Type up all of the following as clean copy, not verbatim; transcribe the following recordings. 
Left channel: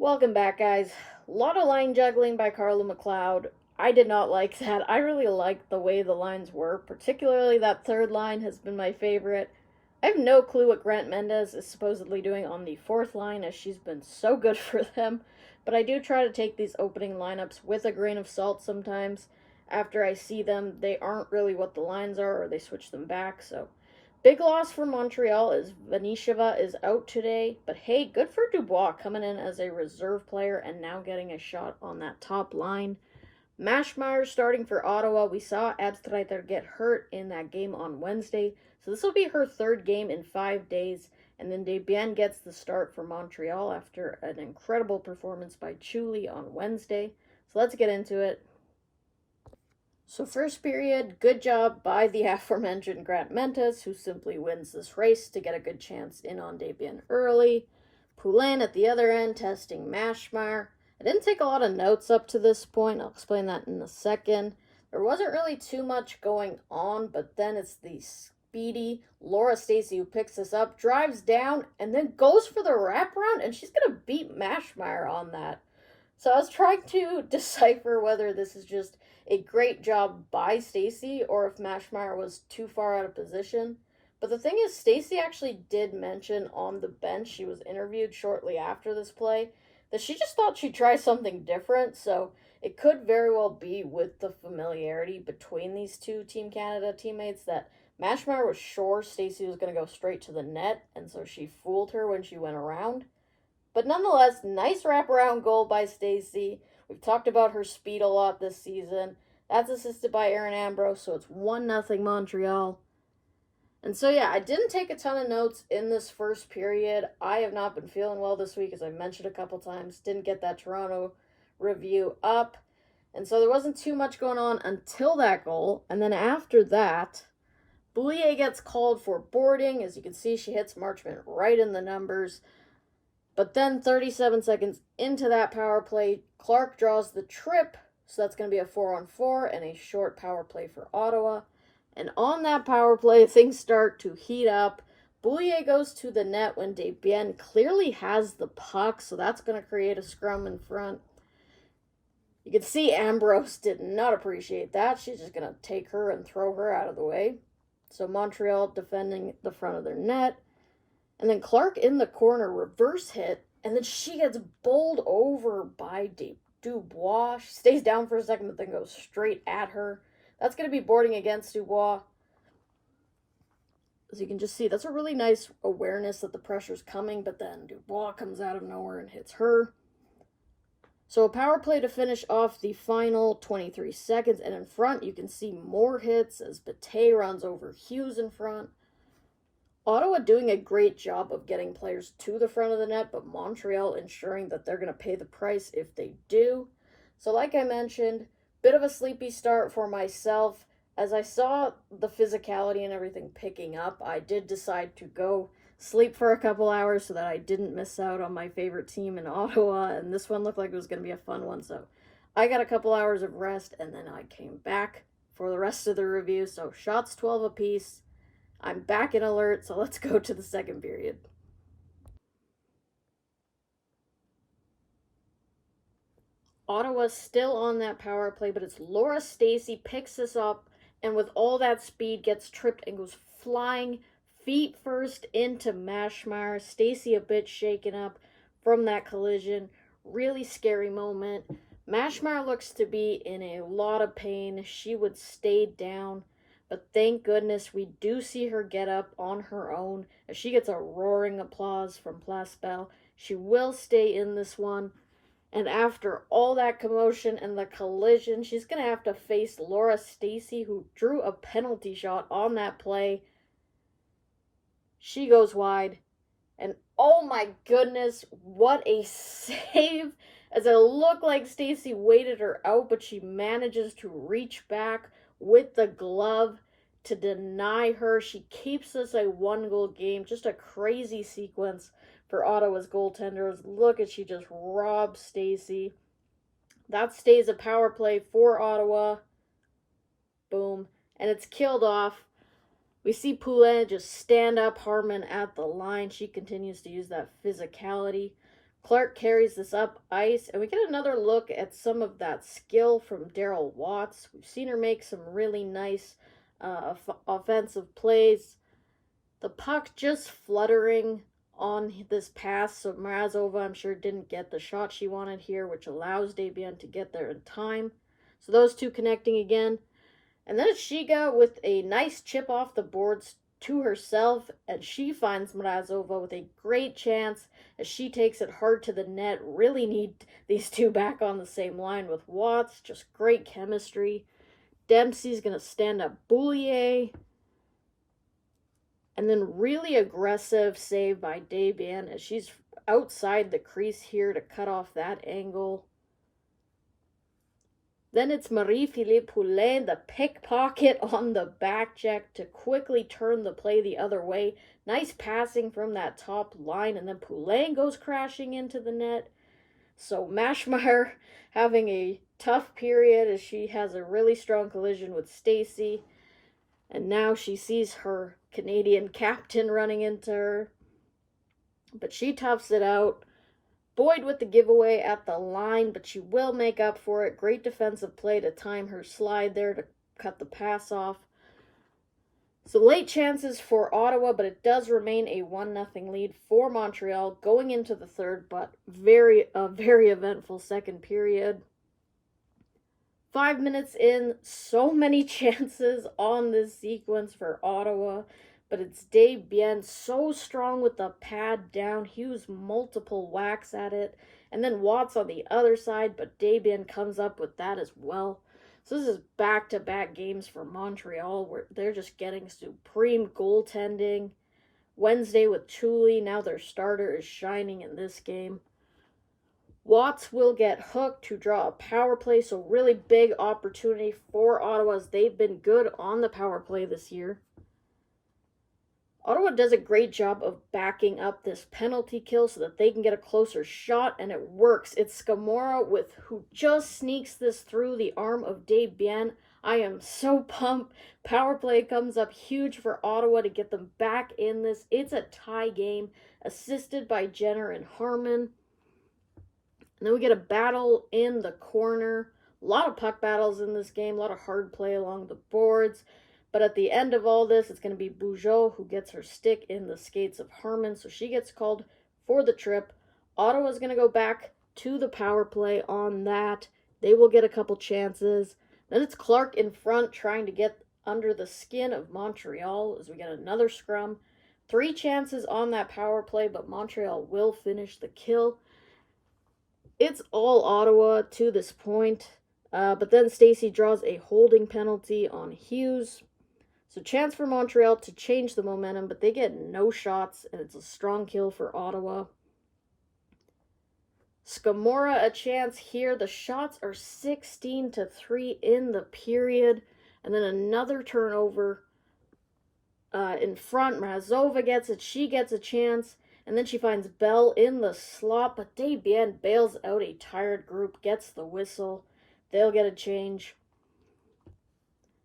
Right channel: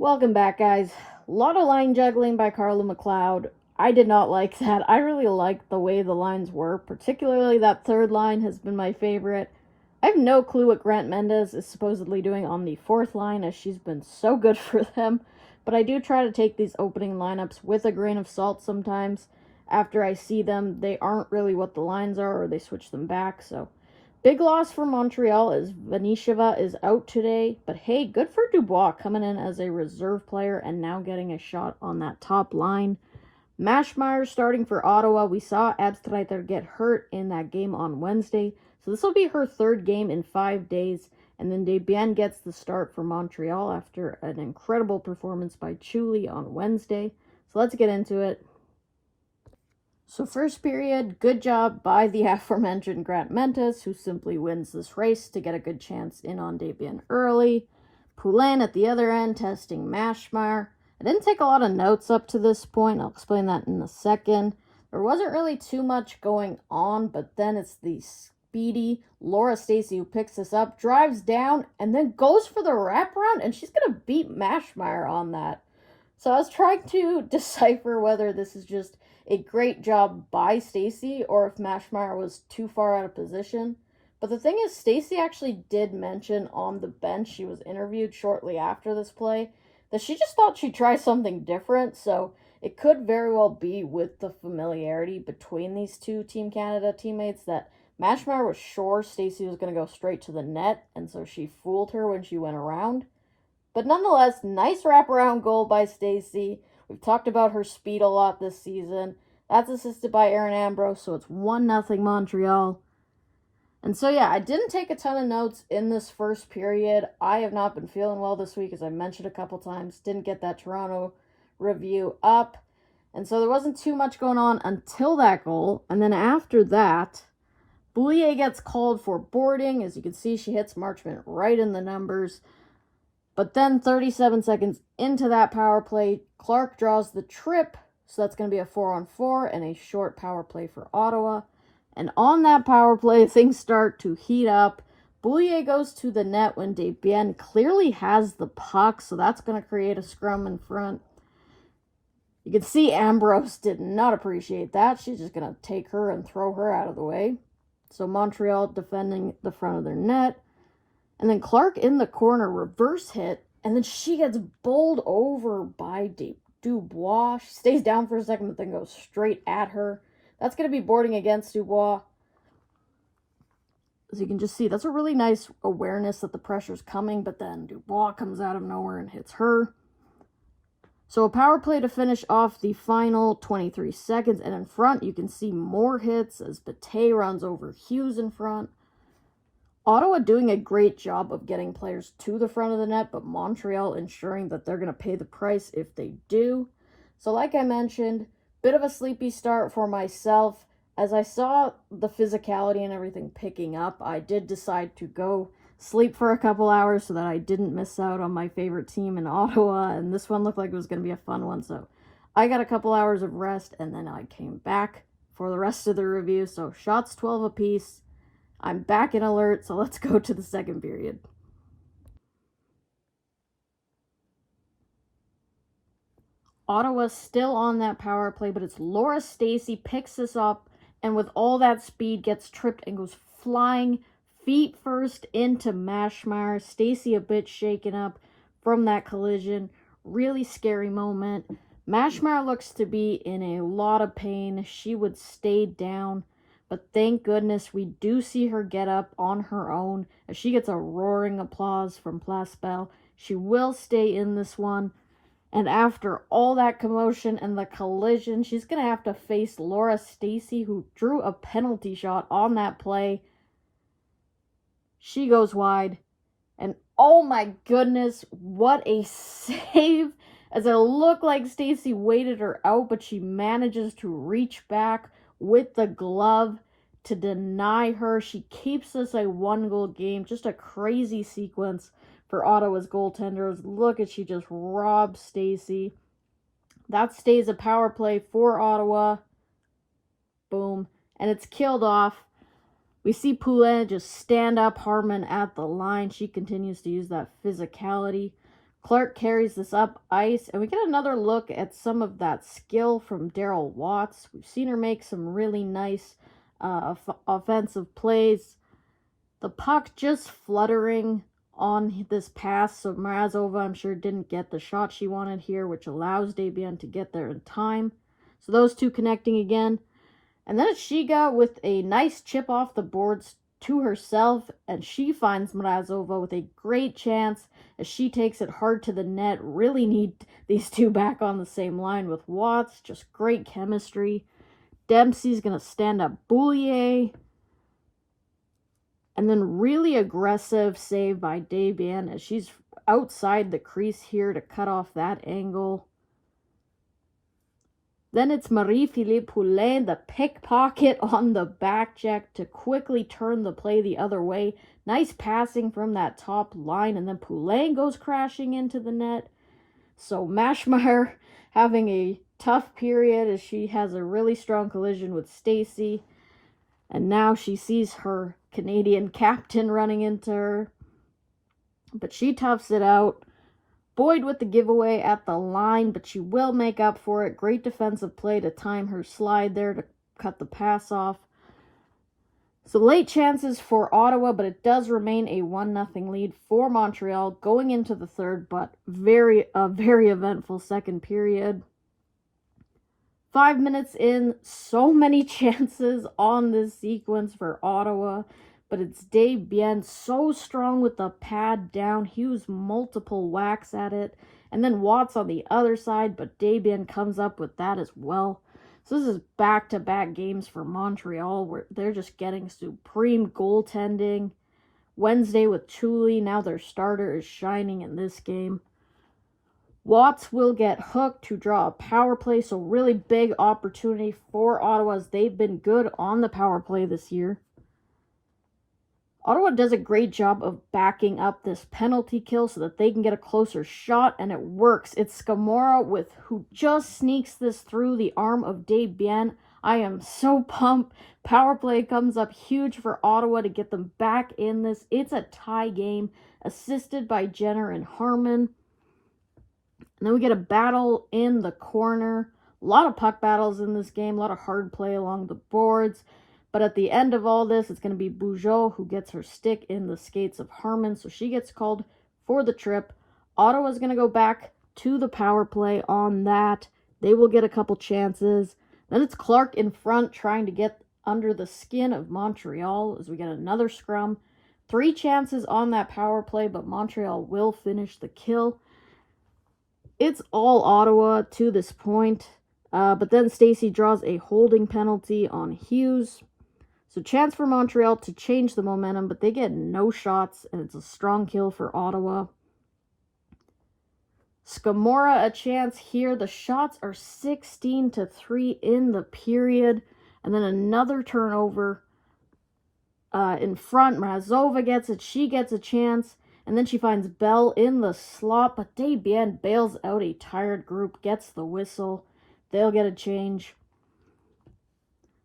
Welcome back, guys. A lot of line juggling by Carla McLeod. I did not like that. I really liked the way the lines were, particularly that third line has been my favorite. I have no clue what Grant Mendez is supposedly doing on the fourth line, as she's been so good for them, but I do try to take these opening lineups with a grain of salt sometimes. After I see them, they aren't really what the lines are, or they switch them back, so big loss for Montreal is Vanisheva is out today, but hey, good for Dubois coming in as a reserve player and now getting a shot on that top line. Mashmeyer starting for Ottawa. We saw Abstreiter get hurt in that game on Wednesday, so this will be her third game in 5 days. And then Desbiens gets the start for Montreal after an incredible performance by Chuli on Wednesday. So let's get into it. So first period, good job by the aforementioned Grant Mentis, who simply wins this race to get a good chance in on Desbiens early. Poulin at the other end testing Mashmeyer. I didn't take a lot of notes up to this point. I'll explain that in a second. There wasn't really too much going on, but then it's the speedy Laura Stacey who picks this up, drives down, and then goes for the wraparound, and she's going to beat Mashmeyer on that. So I was trying to decipher whether this is just a great job by Stacey or if Mashmeyer was too far out of position. But the thing is, Stacey actually did mention on the bench, she was interviewed shortly after this play, that she just thought she'd try something different. So it could very well be with the familiarity between these two Team Canada teammates that Mashmeyer was sure Stacey was going to go straight to the net, and so she fooled her when she went around. But nonetheless, nice wraparound goal by Stacey. We've talked about her speed a lot this season. That's assisted by Erin Ambrose, so it's 1-0 Montreal. And so, yeah, I didn't take a ton of notes in this first period. I have not been feeling well this week, as I mentioned a couple times. Didn't get that Toronto review up. And so there wasn't too much going on until that goal. And then after that, Boulier gets called for boarding. As you can see, she hits Marchment right in the numbers. But then 37 seconds into that power play, Clark draws the trip, so that's going to be a 4-on-4 and a short power play for Ottawa. And on that power play, things start to heat up. Boulier goes to the net when Desbiens clearly has the puck, so that's going to create a scrum in front. You can see Ambrose did not appreciate that. She's just going to take her and throw her out of the way. So Montreal defending the front of their net. And then Clark in the corner, reverse hit, and then she gets bowled over by Dubois. She stays down for a second, but then goes straight at her. That's going to be boarding against Dubois. As you can just see, that's a really nice awareness that the pressure's coming, but then Dubois comes out of nowhere and hits her. So a power play to finish off the final 23 seconds, and in front you can see more hits as Bate runs over Hughes in front. Ottawa doing a great job of getting players to the front of the net, but Montreal ensuring that they're going to pay the price if they do. So like I mentioned, bit of a sleepy start for myself. As I saw the physicality and everything picking up, I did decide to go sleep for a couple hours so that I didn't miss out on my favorite team in Ottawa, and this one looked like it was going to be a fun one. So I got a couple hours of rest, and then I came back for the rest of the review. So shots 12 apiece. I'm back in alert, so let's go to the second period. Ottawa's still on that power play, but it's Laura Stacey picks this up, and with all that speed gets tripped and goes flying feet first into Mashmeyer. Stacey a bit shaken up from that collision. Really scary moment. Mashmeyer looks to be in a lot of pain. She would stay down. But thank goodness we do see her get up on her own as she gets a roaring applause from Place Belle. She will stay in this one. And after all that commotion and the collision, she's going to have to face Laura Stacey, who drew a penalty shot on that play. She goes wide. And oh my goodness, what a save. As it looked like Stacey waited her out, but she manages to reach back with the glove to deny her. She keeps this a 1-goal game. Just a crazy sequence for Ottawa's goaltenders. Look at, she just robs Stacey. That stays a power play for Ottawa. Boom. And it's killed off. We see Poulin just stand up Harmon at the line. She continues to use that physicality. Clark carries this up ice, and we get another look at some of that skill from Daryl Watts. We've seen her make some really nice offensive plays. The puck just fluttering on this pass, so Mrazova, I'm sure, didn't get the shot she wanted here, which allows Desbiens to get there in time. So those two connecting again. And then it's Shiga with a nice chip off the boards to herself, and she finds Mrazova with a great chance as she takes it hard to the net. Really need these two back on the same line with Watts. Just great chemistry. Dempsey's going to stand up Boulier. And then really aggressive save by Desbiens as she's outside the crease here to cut off that angle. Then it's Marie-Philippe Poulin, the pickpocket on the back check to quickly turn the play the other way. Nice passing from that top line, and then Poulin goes crashing into the net. So Maschmeyer having a tough period as she has a really strong collision with Stacy. And now she sees her Canadian captain running into her. But she toughs it out. Boyd with the giveaway at the line, but she will make up for it. Great defensive play to time her slide there to cut the pass off. So late chances for Ottawa, but it does remain a 1-0 lead for Montreal going into the third, but very eventful second period. 5 minutes in, so many chances on this sequence for Ottawa. But it's Desbiens so strong with the pad down. Hughes multiple whacks at it. And then Watts on the other side, but Desbiens comes up with that as well. So this is back-to-back games for Montreal where they're just getting supreme goaltending. Wednesday with Chuli, now their starter is shining in this game. Watts will get hooked to draw a power play, so really big opportunity for Ottawa as they've been good on the power play this year. Ottawa does a great job of backing up this penalty kill so that they can get a closer shot, and it works. It's Scamora who just sneaks this through the arm of Desbiens. I am so pumped. Power play comes up huge for Ottawa to get them back in this. It's a tie game, assisted by Jenner and Harmon. And then we get a battle in the corner. A lot of puck battles in this game, a lot of hard play along the boards. But at the end of all this, it's going to be Bugeaud who gets her stick in the skates of Harmon, so she gets called for the trip. Ottawa's going to go back to the power play on that. They will get a couple chances. Then it's Clark in front trying to get under the skin of Montreal as we get another scrum. 3 chances on that power play, but Montreal will finish the kill. It's all Ottawa to this point. But then Stacy draws a holding penalty on Hughes. So chance for Montreal to change the momentum, but they get no shots, and it's a strong kill for Ottawa. Scamora a chance here. The shots are 16-3 in the period. And then another turnover in front. Mrazova gets it. She gets a chance. And then she finds Bell in the slot, but Desbiens bails out a tired group, gets the whistle. They'll get a change.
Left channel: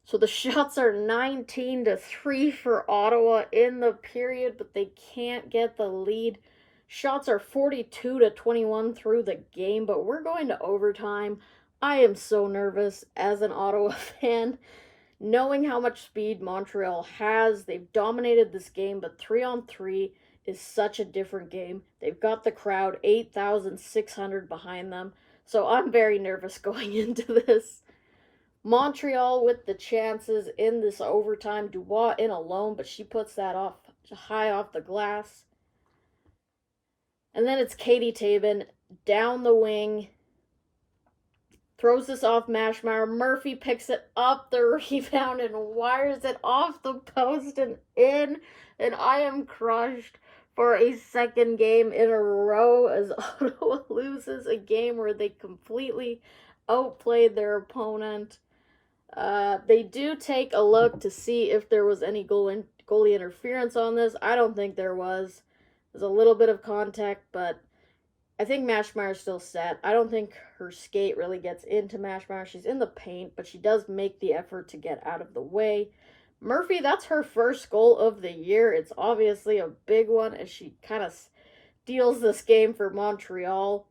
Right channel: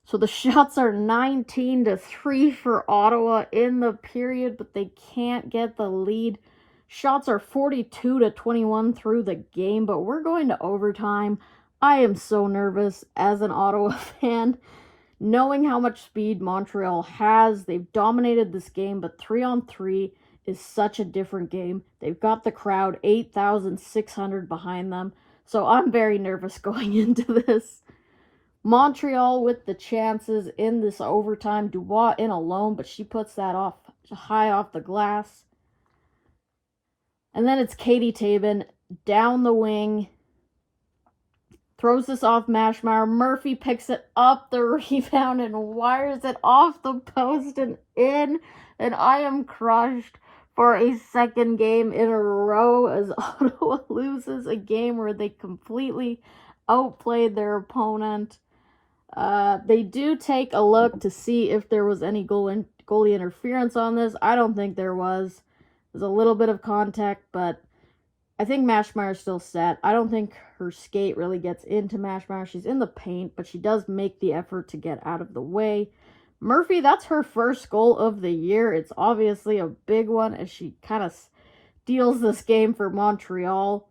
So the shots are 19-3 for Ottawa in the period, but they can't get the lead. Shots are 42-21 through the game, but we're going to overtime. I am so nervous as an Ottawa fan, knowing how much speed Montreal has. They've dominated this game, but 3-on-3 is such a different game. They've got the crowd, 8,600 behind them. So I'm very nervous going into this. Montreal with the chances in this overtime. Dubois in alone, but she puts that off high off the glass. And then it's Katie Taven down the wing. Throws this off Maschmeyer. Murphy picks it up the rebound and wires it off the post and in. And I am crushed for a second game in a row as Ottawa loses a game where they completely outplayed their opponent. They do take a look to see if there was any goalie interference on this. I don't think there was. There's a little bit of contact, but I think Maschmeyer's still set. I don't think her skate really gets into Maschmeyer. She's in the paint, but she does make the effort to get out of the way. Murphy, that's her first goal of the year. It's obviously a big one as she kind of steals this game for Montreal.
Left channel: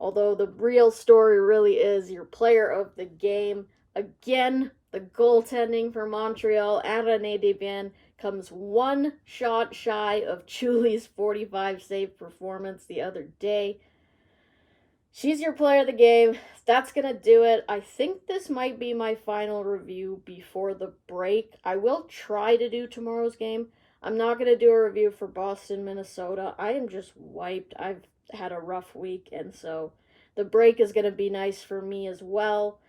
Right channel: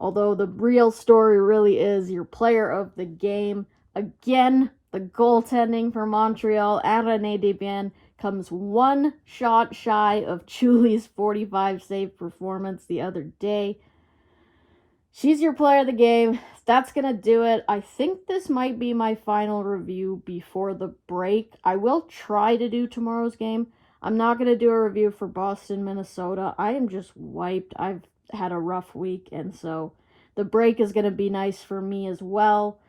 Although the real story really is your player of the game. Again, the goaltending for Montreal, René Desbiens, comes one shot shy of Julie's 45 save performance the other day. She's your player of the game. That's going to do it. I think this might be my final review before the break. I will try to do tomorrow's game. I'm not going to do a review for Boston, Minnesota. I am just wiped. I've had a rough week, and so the break is going to be nice for me as well.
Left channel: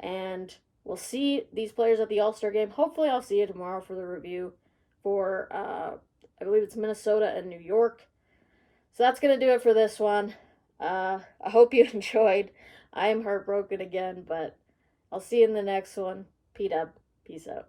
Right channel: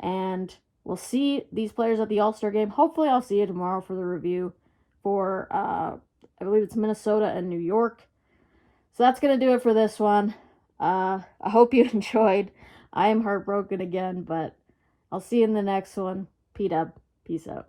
And we'll see these players at the All-Star game. Hopefully I'll see you tomorrow for the review for, I believe it's Minnesota and New York. So that's going to do it for this one. I hope you enjoyed. I am heartbroken again, but I'll see you in the next one. P-Dub. Peace out.